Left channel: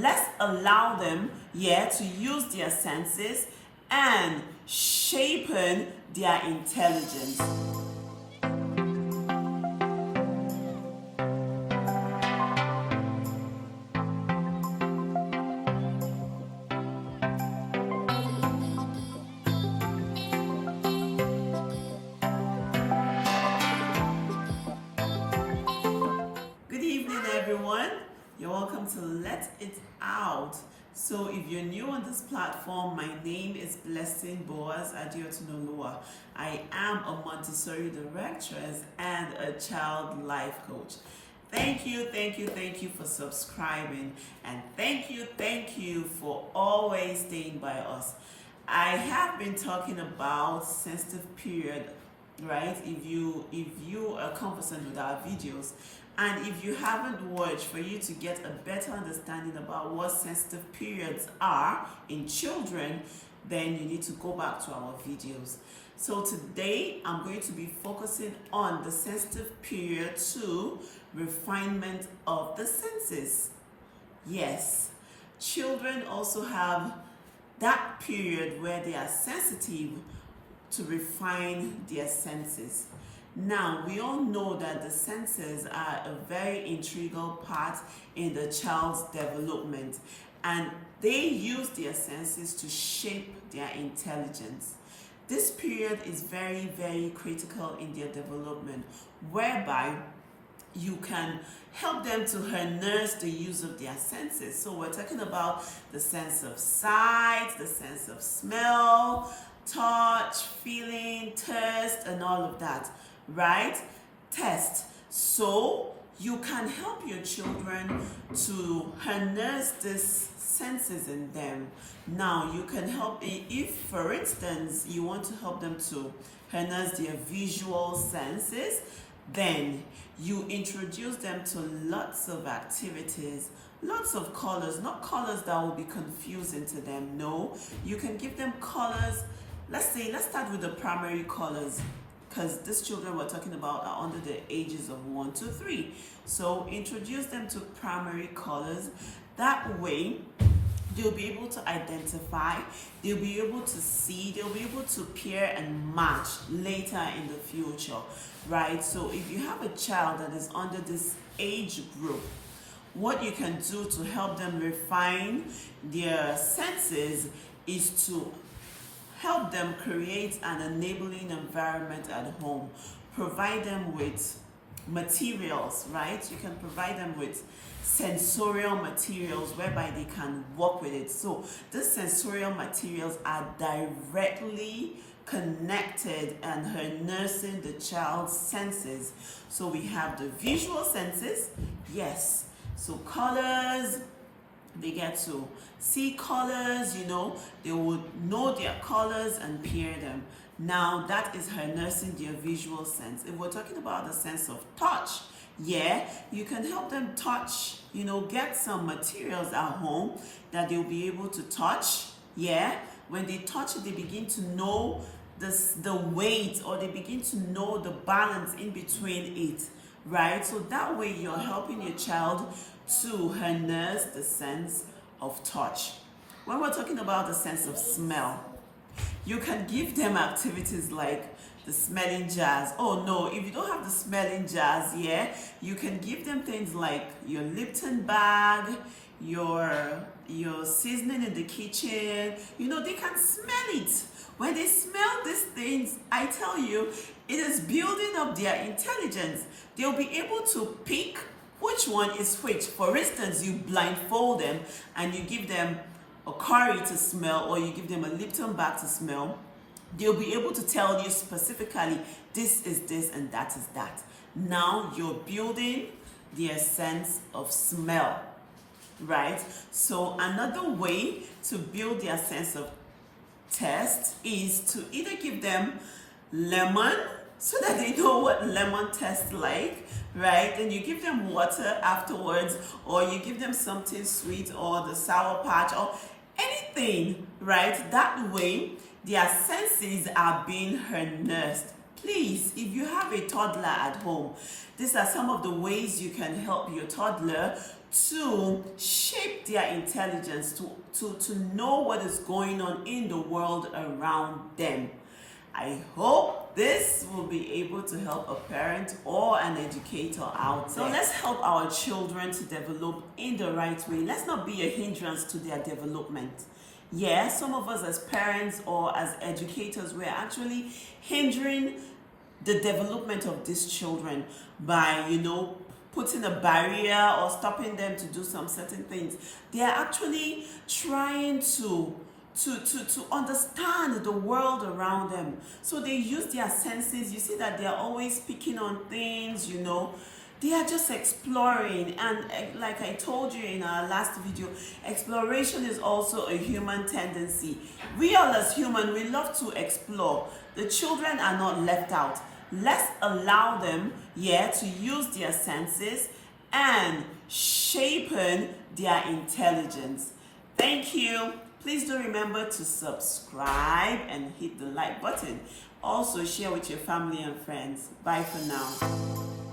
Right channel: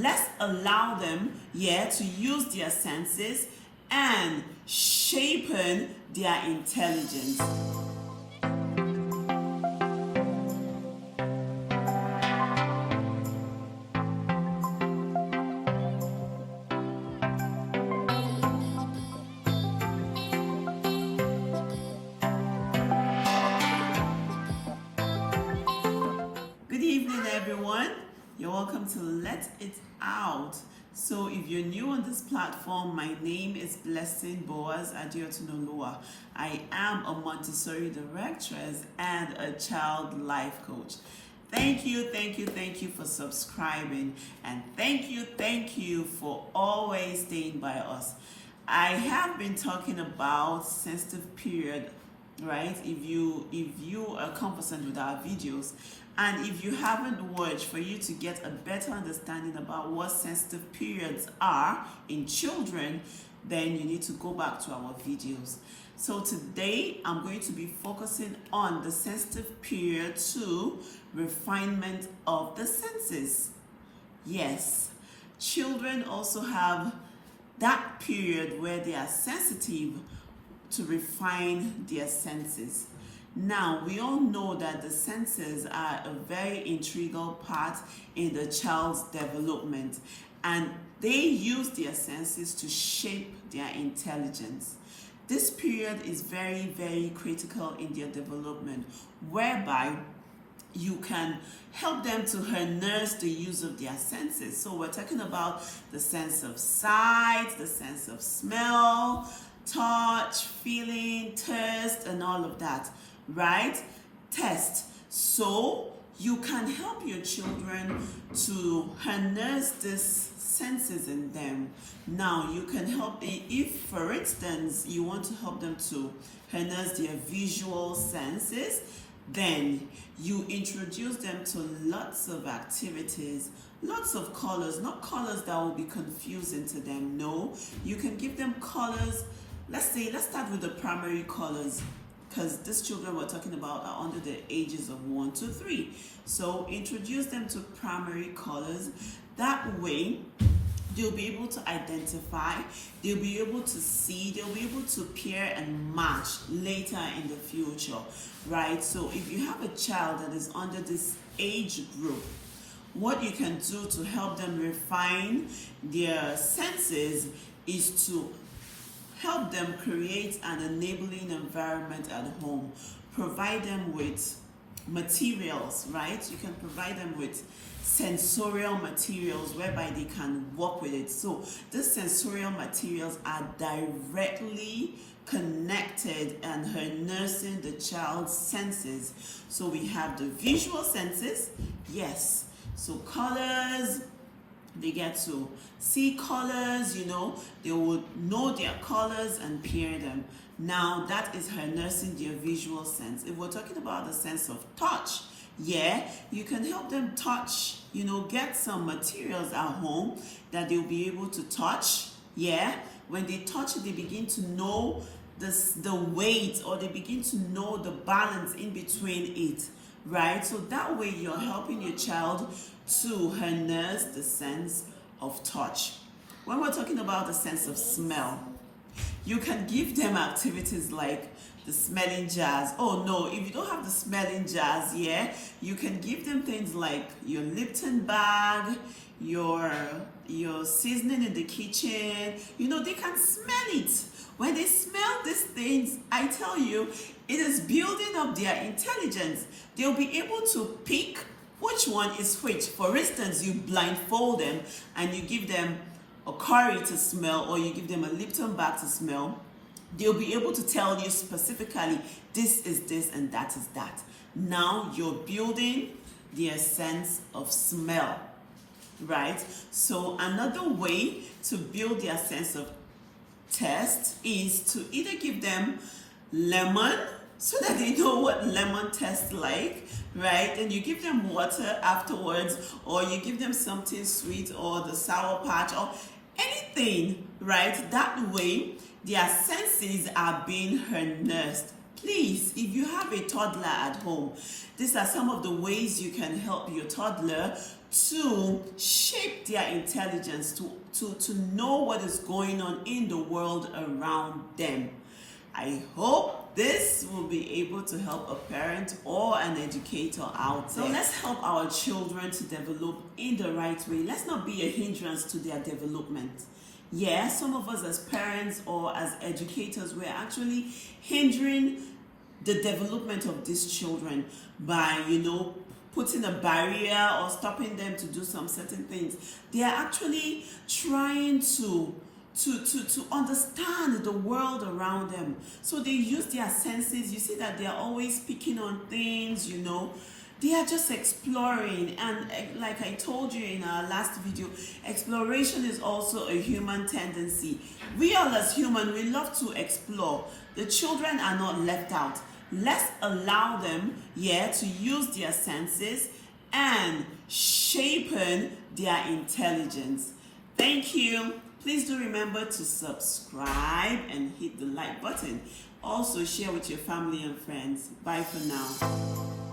Let's allow them, to use their senses and sharpen their intelligence. Good evening, everyone. You're welcome to Let It Out. So if you're new on this platform, my name is Blessing Boaz Adiotunoluwa. I am a Montessori directress and a child life coach. Thank you for subscribing, and thank you for always staying by us. I have been talking about sensitive period, right? If you are conversant with our videos, and if you haven't watched, for you to get a better understanding about what sensitive periods are in children, then you need to go back to our videos. So today I'm going to be focusing on the sensitive period 2, refinement of the senses. Yes, children also have that period where they are sensitive to refine their senses. Now, we all know that the senses are a very integral part in the child's development, and they use their senses to shape their intelligence. This period is very critical in their development, whereby you can help them to harness the use of their senses. So we're talking about the sense of sight, the sense of smell, touch, feeling, taste, and all of that. Right? Test. So you can help your children to harness these senses in them. Now you can help if, for instance, you want to help them to harness their visual senses, then you introduce them to lots of activities, lots of colors, not colors that will be confusing to them. No, you can give them colors. Let's start with the primary colors, because these children we're talking about are under the ages of 1 to 3. So introduce them to primary colors. That way, they'll be able to identify, they'll be able to see, they'll be able to pair and match later in the future, right? So if you have a child that is under this age group, what you can do to help them refine their senses is to help them create an enabling environment at home. Provide them with materials, right? You can provide them with sensorial materials whereby they can work with it. So these sensorial materials are directly connected and harnessing the child's senses. So we have the visual senses, yes. So colors, they get to see colors, they would know their colors and pair them. Now that is harnessing their visual sense. If we're talking about the sense of touch, you can help them touch, get some materials at home that they'll be able to touch. When they touch it, they begin to know the weight, or they begin to know the balance in between it, right? So that way you're helping your child to harness the sense of touch. When we're talking about the sense of smell, you can give them activities like the smelling jars. Oh no, if you don't have the smelling jars, you can give them things like your Lipton bag, your seasoning in the kitchen. They can smell it. When they smell these things, I tell you, it is building up their intelligence. They'll be able to pick which one is which. For instance, you blindfold them and you give them a curry to smell, or you give them a Lipton bag to smell. They'll be able to tell you specifically, this is this and that is that. Now you're building their sense of smell, right? So another way to build their sense of taste is to either give them lemon, so that they know what lemon tastes like, right? And you give them water afterwards, or you give them something sweet, or the Sour Patch, or anything, right? That way, their senses are being harnessed. Please, if you have a toddler at home, these are some of the ways you can help your toddler to shape their intelligence, to know what is going on in the world around them. I hope this will be able to help a parent or an educator out there. So let's help our children to develop in the right way. Let's not be a hindrance to their development. Yeah, some of us as parents or as educators, we're actually hindering the development of these children by, putting a barrier or stopping them to do some certain things. They are actually trying to understand the world around them. So they use their senses. You see that they are always picking on things, They are just exploring. And like I told you in our last video, exploration is also a human tendency. We all as humans, we love to explore. The children are not left out. Let's allow them, to use their senses and sharpen their intelligence. Thank you. Please do remember to subscribe and hit the like button. Also share with your family and friends. Bye for now.